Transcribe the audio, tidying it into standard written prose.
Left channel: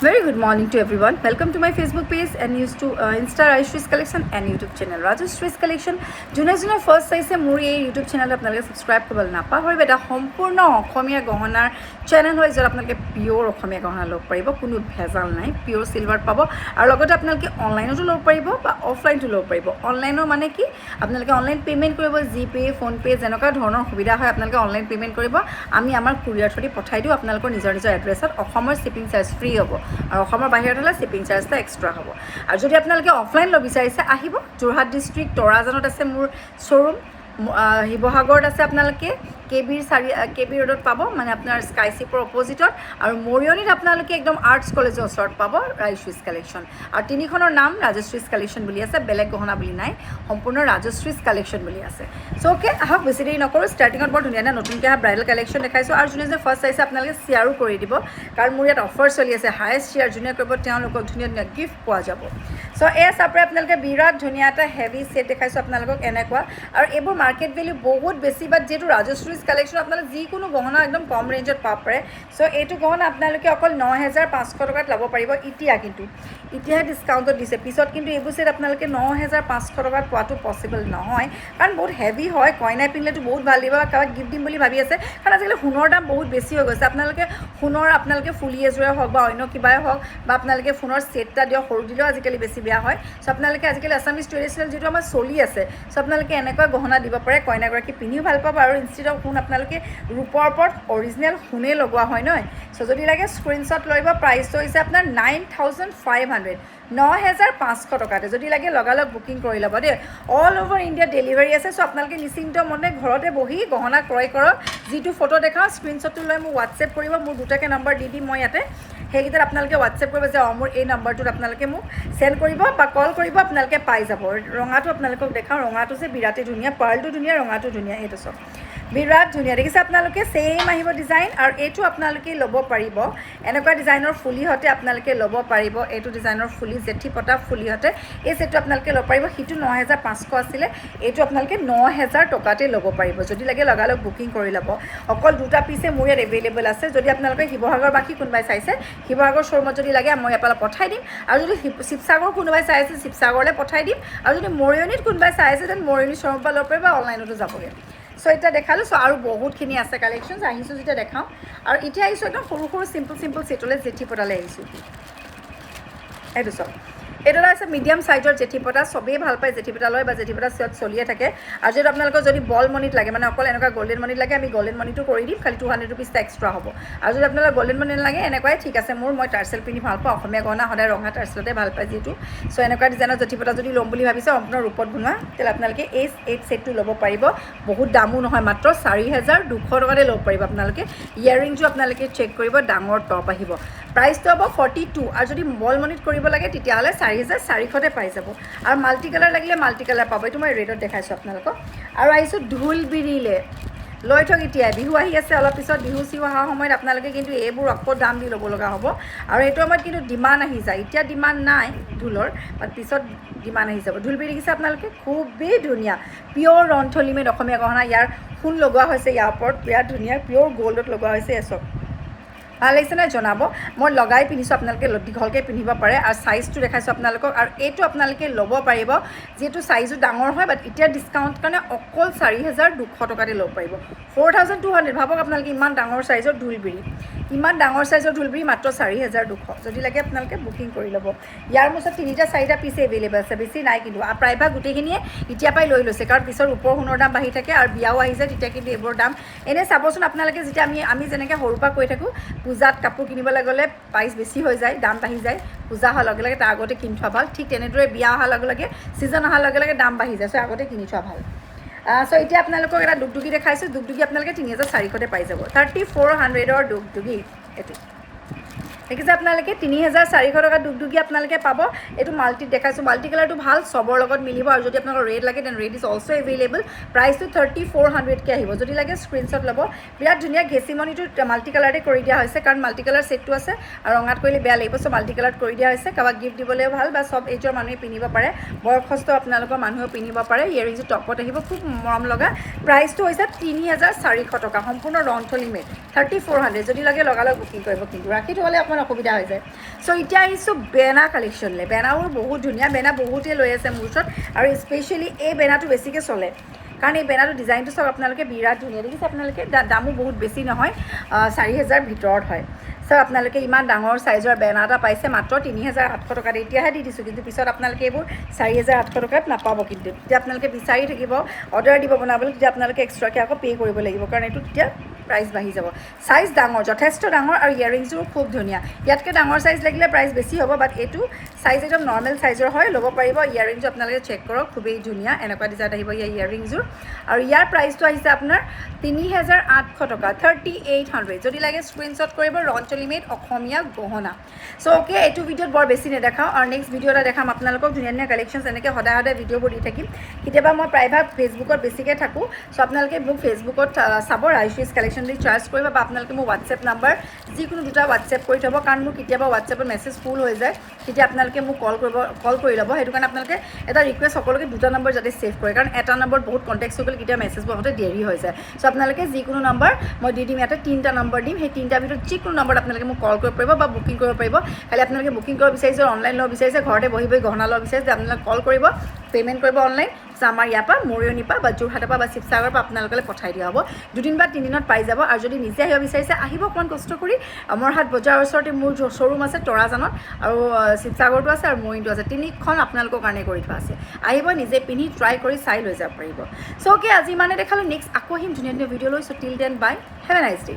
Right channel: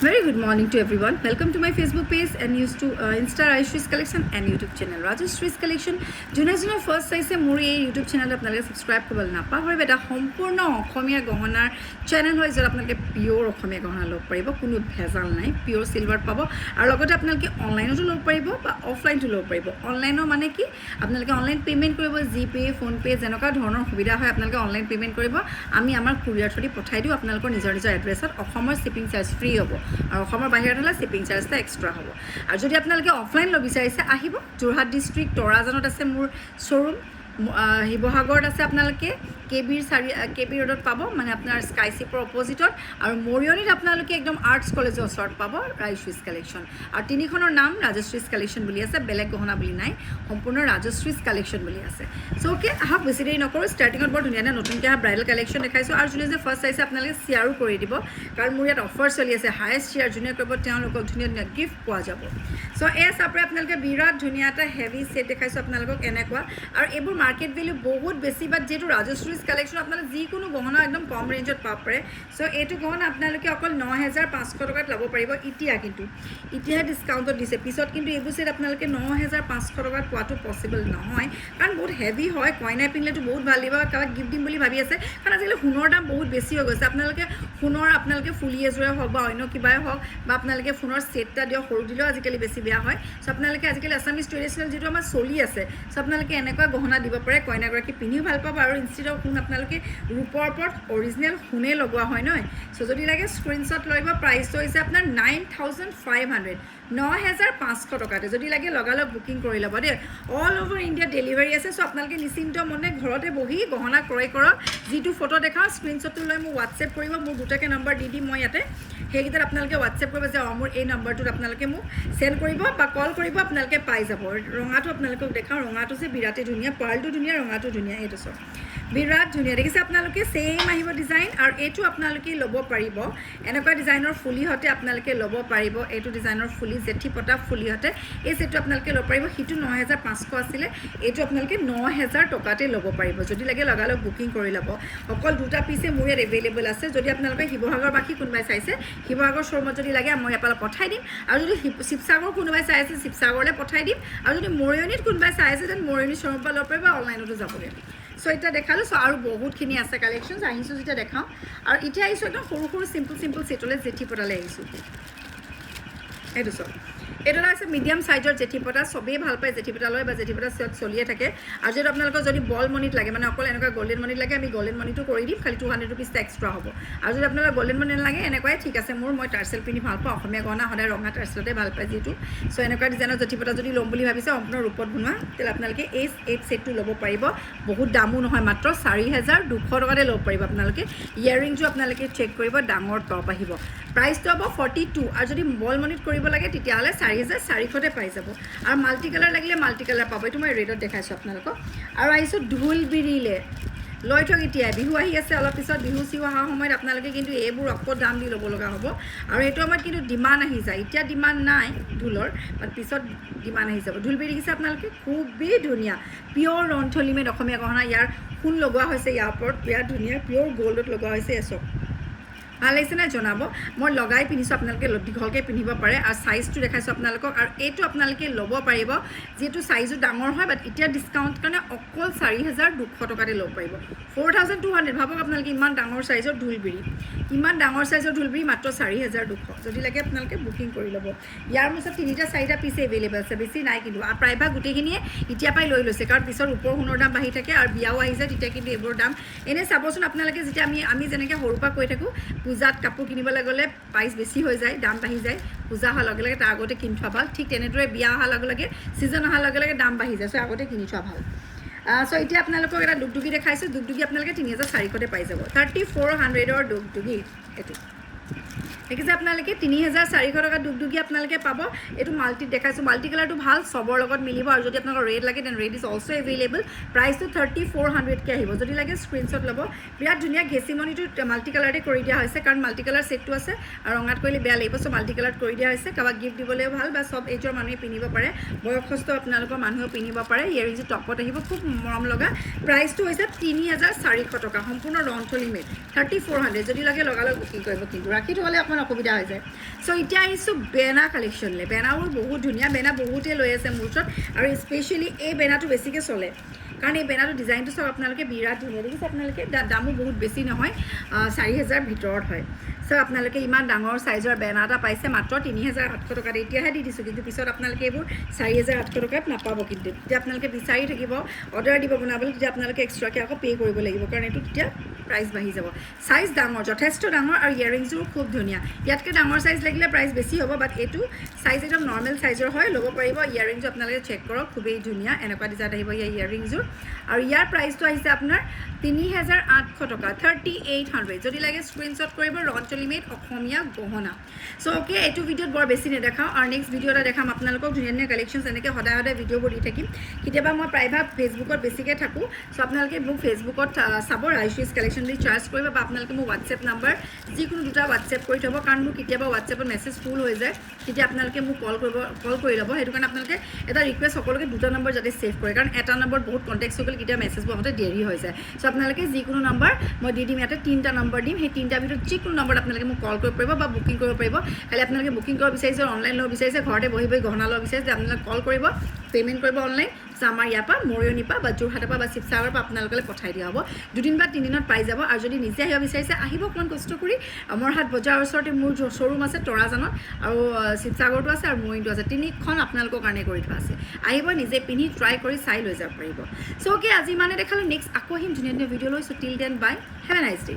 Very good morning to everyone. Welcome to my Facebook page and used to Insta Rajesh Collection and YouTube channel Rajesh Collection. Juna first size মোৰ এই YouTube channel আপোনালোকে subscribe কৰিবলৈ নাপাহৰিব। এটা সম্পূৰ্ণ অসমীয়া গহনাৰ channel হয় য'ত আপোনালোকে পিওৰ অসমীয়া গহনা ল'ব পাৰিব, কোনো ভেজাল নাই, পিওৰ সিলভাৰ পাব আৰু লগতে আপোনালোকে অনলাইনতো ল'ব পাৰিব বা অফলাইনতো ল'ব পাৰিব। অনলাইনৰ মানে কি আপোনালোকে অনলাইন পেমেন্ট কৰিব, জিপে, ফোনপে যেনেকুৱা ধৰণৰ সুবিধা হয় আপোনালোকে অনলাইন পেমেন্ট কৰিব। আমি আমাৰ কুৰিয়াৰ থ্ৰুদি পঠাই দিওঁ আপোনালোকৰ নিজৰ এড্ৰেছত। অসমৰ শিপিং চাৰ্জ ফ্ৰী হ'ব আৰু অসমৰ বাহিৰত হ'লে শিপিং চাৰ্জটা এক্সট্ৰা হ'ব। আৰু যদি আপোনালোকে অফলাইন ল'ব বিচাৰিছে আহিব, যোৰহাট ডিষ্ট্ৰিক্ট তৰাজানত আছে মোৰ শ্ব'ৰুম, শিৱসাগৰত আছে আপোনালোকে কে বি ৰোডত পাব, মানে আপোনাৰ স্কাই চিপৰ অপজিটত, আৰু মৰিয়নিত আপোনালোকে একদম আৰ্টছ কলেজৰ ওচৰত পাব ৰাজশ্ৰীজ কালেকশ্যন। আৰু তিনিখনৰ নাম ৰাজশ্ৰীজ কালেকশ্যন বুলি আছে, বেলেগ গহনা বুলি নাই, সম্পূৰ্ণ ৰাজশ্ৰীজ কালেকশ্যন বুলি আছে। চ' অ'কে, আহক বেছি দেৰি নকৰোঁ। ষ্টাৰ্টিঙত বৰ ধুনীয়া নতুনকৈ অহা ব্ৰাইডেল কালেকশ্যন দেখাইছোঁ। আৰু যোনে যে ফাৰ্ষ্ট চাইছে আপোনালোকে শ্বেয়াৰো কৰি দিব, কাৰণ মোৰ ইয়াত অফাৰ চলি আছে। হায়েষ্ট শ্বেয়াৰ যোনে কৰিব তেওঁলোকক ধুনীয়া ধুনীয়া গিফ্ট পোৱা যাব। চ' এয়া চাপৰে আপোনালোকে বিৰাট ধুনীয়া এটা হেভি ছেট দেখাইছোঁ আপোনালোকক এনেকুৱা। আৰু এইবোৰ মাৰ্কেট ভেলিউ বহুত বেছি, বাট যিহেতু ৰাজশ্ৰী কালেকশ্যন আপোনালোকে যিকোনো গহনা একদম কম ৰেঞ্জত পাব পাৰে। চ' এইটো গহনা আপোনালোকে অকল ৯,৫০০ টকাত ল'ব পাৰিব। এতিয়াহে ডিছকাউণ্টত দিছে, পিছত কিন্তু এইবোৰ ছেট আপোনালোকে ৯,৫০০ টকাত পোৱাটো পচিবল নহয়, কাৰণ বহুত হেভি হয়। কইনাই পিন্ধিলেতো বহুত ভাল দিব, কাৰোবাক গিফ্ট দিম বুলি ভাবি আছে, কাৰণ আজিকালি সোণৰ দাম বহুত বেছি হৈ গৈছে। আপোনালোকে ফুলি এযোৰে হওক বা অন্য কিবাই হওক, বা আপোনালোকে ফোনৰ ছেট এটা দিয়ক, সৰু দিলেও আজিকালি বেছি বেয়া হয়। চ' আপোনালোকে আজিকালি আছামিজ ট্ৰেডিশ্যনেল যিটো আমাৰ চলি আছে, চ' আপোনালোকে এনেকুৱা গহনা দিব পাৰে, কইনাগৰাকী পিন্ধিও ভাল পাব। আৰু ইনষ্টেড অফ সোণ আপোনালোকে ৰূপৰ ওপৰত অৰিজিনেল সোণে লগোৱা হয় নহয়। চ' যদি লাগে স্ক্ৰীনশ্বট লৈ প্ৰাইচটো হৈছে আপোনাৰ 9,500, 9,৫০০ টকাতে। যদি লাগে লগালগ বুকিং কৰি ল'ব দেই। অল অভাৰ ইণ্ডিয়া ডেলিভাৰী আছে। চ' আপোনালোকে নিশ্চিন্ত মনে ঘৰতে বহি গহনা ক্ৰয় কৰক। যিটো ফটো দেখাওঁ স্ক্ৰীনশ্বটটো লৈ মোক হোৱাটছএপ কৰিব, মোৰ দুটাকৈ নম্বৰ দি দিম মই ইয়াতে। সেইকেইটাত আপোনালোকে হোৱাটছএপ কৰিব যে মোৰ এই নম্বৰটোত আপোনালোকে মোক চেণ্ড কৰিব বা কল কৰিব, আপোনালোকে পাই যাব। ৰঙাটো আপোনালোকক দেখাওঁ, ৰঙাটো যে বিৰাটেই ধুনীয়া, পাৰ্লটো ধুনীয়া, ৰঙাটো ধুনীয়া, এইটো চব বিৰাট ধুনীয়া দেখিছে আপোনালোকে। ছেইম আহিব ডিজাইন, আৰু এইটো আপোনালোকে ল'ব পাৰিব এনেকুৱা ডিজাইনৰ ফুলিহঁতে আপোনালোকে ল'ব পাৰিব। এইটো ডিজাইনৰ ফুলি জেঠি পতা ফুলিহঁতে এই ছেটটো আপোনালোকে ল'ব পাৰিব। সিটো 9,৫০০ আছিলে, এইটো আপোনালোকে 9,০০০ টকাতে ল'ব পাৰিব। যদি লাগে লগালগ বুকিং কৰি ল'ব। অকল দুটা পিচে মোৰ ইয়াত এভেইলেবল আছে। যদি আপোনালোকে শিৱসাগৰবাসী কোনোবাই চাইছে, শিৱসাগৰ শ্ব'ৰুমত যদি লাগে মই ইয়াৰ পৰা পঠাই দিম। আৰু যদি শিৱসাগৰ কোনোবাই চাই আছে শিৱসাগৰলৈ পঠাই দিম। আৰু যদি মৰিয়নিত কোনোবাই চাই আছে তেন মৰিয়নি শ্ব'ৰুমৰ পৰা ল'ব পাৰিব, অনলাইনতো যাবগৈ। চ' এতিয়া দেখালোঁ। চ' আৰু বহুতখিনি আছে কালেকশ্যনছ, আহিছোঁ যেতিয়া দেখাওঁ। আৰু এতিয়া আহিছোঁ একদম সৰু সৰু চিম্পল ছেটলৈ, জেঠি পতালৈ আহিছোঁ। এইটো চব এইটো আছে মিডিয়াম চাইজৰ জেঠি পতা, চবেই ভাল পায় জেঠি পতা লয় বা জেঠি পতা চেট চলিয়ে থাকে। আৰু যিহেতু আপোনালোকৰ যদি বল মণিত লাগে, মানে অকল এনেকুৱা গল্ডেন মণিত লাগে, আমি গল্ডেন মণিটো কৰি দিম, খালি 200 ৰুপিজ এক্সট্ৰা হ'ব। আৰু যদি আপোনালোকৰ গল্ডেন মণি নালাগে, এনেকুৱাই ঠিক আছে। মই টাৰ্চেল পিন্ধি ভাল পাওঁ, অসমীয়া গহনা সদায় ৰঙা টাৰ্চেলতে ভাল পায় যিহেতু। চ' এনেকুৱা ডিজাইনৰ জেঠি পতা যদি ল'ম বুলি ভাবিছে আপোনাৰ ৰূপত বনোৱা, তেতিয়াহ'লে আপোনালোকে এই ছেটটো ল'ব পাৰিব। বহুত দামো নহয়, মাত্ৰ 4,200 টকাতে ল'ব পাৰিব আপোনালোকে। ইয়াৰিংটো আপোনালোকে চেক কৰিব, ডাঙৰ টপ আহিব। প্ৰাইচটো হ'ব 42। আৰু যদি বল মণিত কৰিব লাগে তেতিয়াহ'লে 4,400তে পাই যাব। আৰু মাল্টি কালাৰ লাগিলে মাল্টি কালাৰ পাব। এইটো মই ৰেডত দেখাইছোঁ আপোনালোকক। আৰু আহিছোঁ ঢোলবিৰিলে, লৈ থওক এতিয়াই, বিহু আহি আছে অলপ পিছত। বিহু চিহু অহাৰ সময়ত আপোনালোকে কিন্তু এইবোৰ আকৌ দাম দি ল'ব লগা হ'ব। আৰু এইটো সময়ত কিন্তু ডিমাণ্ড আহি যায়। এতিয়া ডিমাণ্ড নাই ঢোলৰ, বাট পিছত ডিমাণ্ড আহি যাব। ঢোলবিৰি দেখিছে আপোনালোকে, খুবেই ধুনীয়া, পিয়'ৰ ৰন্থলিমেড অসমীয়া গহনা। ইয়াৰ সোণ লগোৱা হৈছে ইয়াৰ ওপৰত, বিৰাট ধুনীয়া পিয়'ৰ গ'ল্ডত লগোৱা হৈছে। এচক ভাল লাগিছে নে জনাব। মই লগাই পিন্ধিছোঁ, আপোনালোকে দীঘলকৈ পিন্ধিব পাৰে। আৰু চাইজটো দেখাইছোঁ আপোনালোকক। আৰু এইটো আপোনালোকে ল'ব পাৰিব, যিহেতু চাইজো ডাঙৰ হয়, বাট এতিয়া ডিছকাউণ্ট কাৰণে অকল 4,200 টকাতে ল'ব পাৰিব। 4,200 ভাবক আপোনালোকে, ইমান ডাঙৰ চাইজৰ ঢোলবিৰি, মাত্ৰ 4,200। যদি লাগে আপোনালোকে বুকিং কৰি ল'ব। ইয়াৰ মোৰ ওচৰত 3-4টা পিচ এভেইলেবল আছে, বেছি নাই কিন্তু। আৰু প্ৰায়ভাগ গোটেইখিনিয়ে এতিয়াৰ পৰাই লৈ লৈছে, কাৰণ পিছত ৰূপৰ সোণৰ দাম বাঢ়ি থাকে আৰু বিয়াও আহি যায়, তেতিয়া কিন্তু এইবোৰ দাম এনেই চাবচোন আপোনালোকে। যেতিয়া আমি যেনেকৈ সৰুৰ পৰা কৈ থাকোঁ, পূজাত কাপোৰ কিনিবলৈ গ'লে প্ৰাইচ বেছি হৈ যায়, দাম বাঢ়ি যায়। পূজা হোৱাৰ লগে লগে তাৰ আগতে কিনি থোৱা ভাল। ঠিক তেনেদৰে বিয়া অহাৰ লগে লগে, ছিজন অহাৰ লগে লগে দাম বাঢ়ি যায়। চ' আগতে কিনি থোৱা ভাল। চ' এতিয়া আপোনালোকক এটা দুগদুগী দেখাইছোঁ। দুগদুগী আপোনালোকে 3,400তে পাই যাব। 3,400ৰ দুগদুগী এইটো দেখিছে আপোনালোকে। 3,400 টকা দুগদুগী আপোনালোকে পাব। এইটো মাল্টিত দেখাইছোঁ, মাল্টি কালাৰটো ভাল, চবৰ লগত মিলিব। আৰু যদি আপোনালোকৰ ৰেড লাগে তেন ৰেড ইজ অলছ' এভেইলেবল। প্ৰাইচটো 3,400কৈ আহিব। যদি লাগে স্ক্ৰীনশ্বট ল'ব। বিৰাট ধুনীয়া ঘেঁচিমণিটো মাল্টি কালাৰতে কৰি দিয়া হৈছে, কাৰণ মাল্টি কালাৰ ছেটটো আছে আৰু ৰঙাত কৰিলে বেয়া লাগিব। চ' মাল্টি কালাৰত কৰি দিয়া হৈছে, কাৰোবাক গিফ্ট দিবলৈও ভাল, বা চব এইযোৰ মানুহে পিন্ধিব পাৰে, বয়সস্থ আপোনালোকৰ মানুহেও পিন্ধিব পাৰে। ইয়াৰিংটো টপত আহিব, খুব মৰম লগা। প্ৰাইচটো হৈছে 3,400 টকা, সম্পূৰ্ণ ৰন্থলিমেড। 3,400। যদি লাগে লগালগ বুকিং কৰিব। কিন্তু ৰাখি থ'লে অকণমান অসুবিধা হৈ যায় চ' এতিয়া আহিছোঁ বেনা কালেকশ্যনলৈ বেনাবোৰ বহুত ধুনীয়া বেনা বহুতেই লৈ আছে মোৰ ওচৰত আৰু স্পেচিয়েলি এই বেনাটো বেছিকৈ চলে কাৰণ এই বেনাটো ডিজাইনটো চাওক আপোনালোকে বিৰাট ধুনীয়া দেখিছে আপোনালোকে দামো বহুত বেছি নহয় 4,000 ভিতৰত হয় চ' আপোনালোকে ইমান ডাঙৰ চাইজৰ বেনাৰ এটা পাইছে মাত্ৰ 3,800 টকাত এতিয়াহে দি দিছোঁ কিন্তু পিছত আপোনালোকে এইবোৰ 4,800 টকাত নাপাব কিন্তু তেতিয়া আপোনালোকে বিচাৰি থাকিব অৰ্ডাৰ দিব বনাবলৈ তেতিয়া আপোনালোকে এক্সট্ৰাকৈ আকৌ পে' কৰিব লাগিব কাৰণ এইটো তেতিয়া প্ৰাইচ বাঢ়ি যাব চাইজ ডাঙৰ যথেষ্ট ডাঙৰ আৰু ইয়াৰিংছবোৰ খুব ধুনীয়া ইয়াতকৈ ডাঙৰ চাইজ লাগিলে প্ৰাইচ বেছি হ'ব বাট এইটো চাইজ একদম নৰ্মেল চাইজৰ হয় ল'ব পাৰিব ইয়াৰিংছটো আপোনালোকে চেক কৰক খুবেই ধুনীয়া এনেকুৱা ডিজাইন আহিব ইয়াৰিংছবোৰ আৰু ইয়াৰ প্ৰাইচটো আহিছে আপোনাৰ 3,800 টকা 3,800 যদি লাগে স্ক্ৰীনশ্বট কৰিব ৰঞ্জলিমেড অসমীয়া গহনা চ' অ'কে এইটো ভিডিঅ'ত বৰ বেছি নেদেখাওঁ আৰু নেক্সট ভিডিঅ' এটা দেখাম আপোনালোকক ধুনীয়া ধুনীয়া কালেকশ্যনছ এনেকৈ সদায় সদায় ভিডিঅ'বোৰ দি থাকিম কেতিয়াবা মই প্ৰায়ভাগ ফেচবুকত বেছিকৈ থাকোঁ চ' আপোনালোকে মোক ফেচবুকত চাব ৰাইশ্ৰীজ কালেকশ্যন বুলি চাৰ্চ কৰিব বা আপোনালোকে মোৰ হোৱাটছএপ নাম্বাৰ যিকোনো দুটা হোৱাটছএপ কৰি থ'ব কাৰণ মোৰ কেতিয়াবা হোৱাটছএপত মেছেজ ফুল হৈ যায় তেতিয়া আপোনালোকে মোক কল কৰি ল'ব সেইটো কাৰণে আপোনালোকে এটা ৰিকুৱেষ্ট সকলোকে দুটা নম্বৰ যাতে ছেভ কৰে কাৰণ এটা নম্বৰত বহুত কণ্টেক্ট হৈ গ'লে কেতিয়াবা মেছেজবোৰ আহোঁতে দেৰি হৈ যায় চ' আপোনালোকে যিকোনো নম্বৰ মই দি দিম ইয়াতে 3টা নম্বৰ দিম সেই 3টাৰ ভিতৰত যিকোনো নম্বৰত আপোনালোকে মোক কল কৰিব পাৰিব বা বুকিং কৰিব পাৰিব খালি আপোনালোকে বুকিং কৰিব বিচাৰিছে অনলাইন ল'ব বিচাৰিছে ঘৰতে বহি বহি গহনা ল'ব বিচাৰিছে আপোনালোকে কল কৰিব পে'মেণ্ট কৰিব অনলাইন আমাৰ ইয়াৰ পৰা মৰিয়নিৰ পৰা বা যোৰহাটৰ পৰা বা শিৱসাগৰৰ পৰা আপোনালোকলৈ পঠাই দিয়া হ'ব 2 দিন বা 3 দিনত পাই যাব আৰু যদি নিজে আহিব বিচাৰিছে আহিব অকণমান কষ্ট কৰি অমৰহাট বজাৰৰ ওচৰতে মোৰ শ্ব'ৰুম আছে তৰাজানত আৰু শিৱসাগৰটো আছে আৰু মৰিয়নিটো আছে 3খন আপোনালোকৰ কাৰণে কৰি থোৱা আছে আহিব নিজে পিন্ধি ট্ৰাই কৰি চাই লৈ যাব পাৰিব চ' অ'কে আজি মানে দেখালোঁ নেক্সট আকৌ আহিম ধুনীয়া ধুনীয়া ভিডিঅ' লৈ so' till then bye have a nice day